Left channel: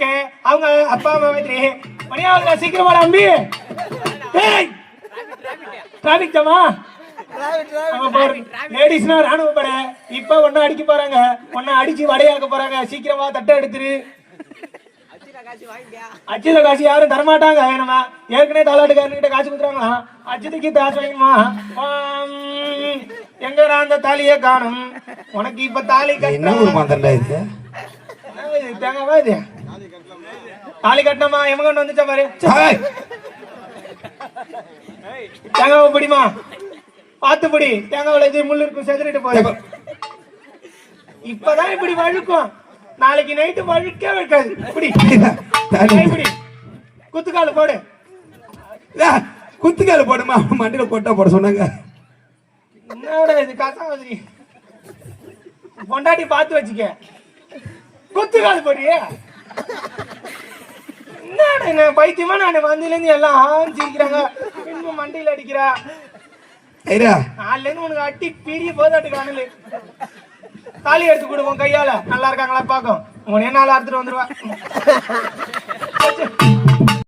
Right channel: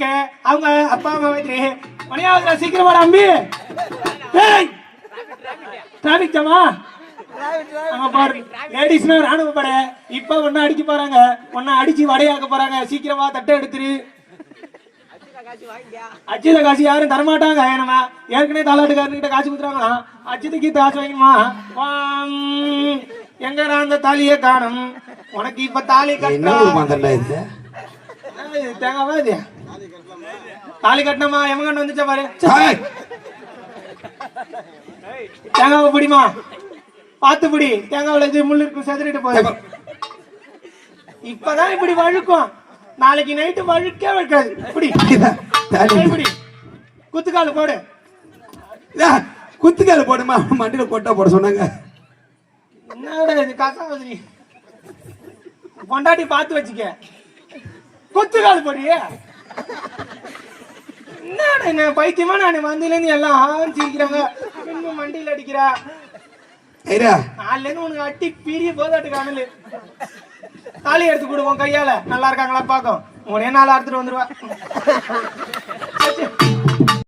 Okay. அவங்க அப்பா அம்மா மாதிரி மணியாவது சீக்கிரம் வர அம்பி. டிராபிக் ஜாமா லேடிஸ்னா ராணுவ படை. இப்ப ஒன்னும் அடிக்க போறாங்க, ஒன்னும் அடிச்சு வடையாக்க போறாங்க. சீக்கிரமா தட்டை எடுத்துரு. அச்சுத காசு யாரும் தரமாட்டாங்க. நம்ம ஏற்கனவே தாலாட்டுக்காரன்கிட்ட காசு கொடுத்துறாங்களா? அச்சுதுக்கு காசு வாங்கணுமா? எங்க நான் அந்த தாலியே காணும். உனக்கு இப்ப தாலி கட்டா தேங்காவா இது? தாலி கட்டினமா எமகண்டு வந்துச்சா பாரு. தேங்காவை பிடிமா, பாத்து பிடி. தேங்காவில இது முள்ளு இருக்கும், செதறிட்டு போய். இப்பதான் இப்படி வழுக்கும், நாளைக்கு நைட்டு வழுக்கே வைக்காது. குத்துக்கால போடு. குத்துக்கால போடுமா? மண்டியில போட்டா போட சொன்னாங்க. என்னடா இது கச மாதிரி? பொண்டாட்டி பார்த்து வச்சுக்க. குத்துக்கால் போடு. என்ன பைத்தியமா? நான் வந்தில இருந்து எல்லாம் சிரிக்கிறாங்க, இன்னும் மண்டியில அடிக்கிறா. நாலுல இருந்து உனக்கு அட்டி பிரிய போதாட்டு காணல. தாலி எடுத்து கொடுவோம் கையால. நல்லா இருக்காங்களா பாக்கும். உனே நாள் அறுத்துட்டு வந்துருவா.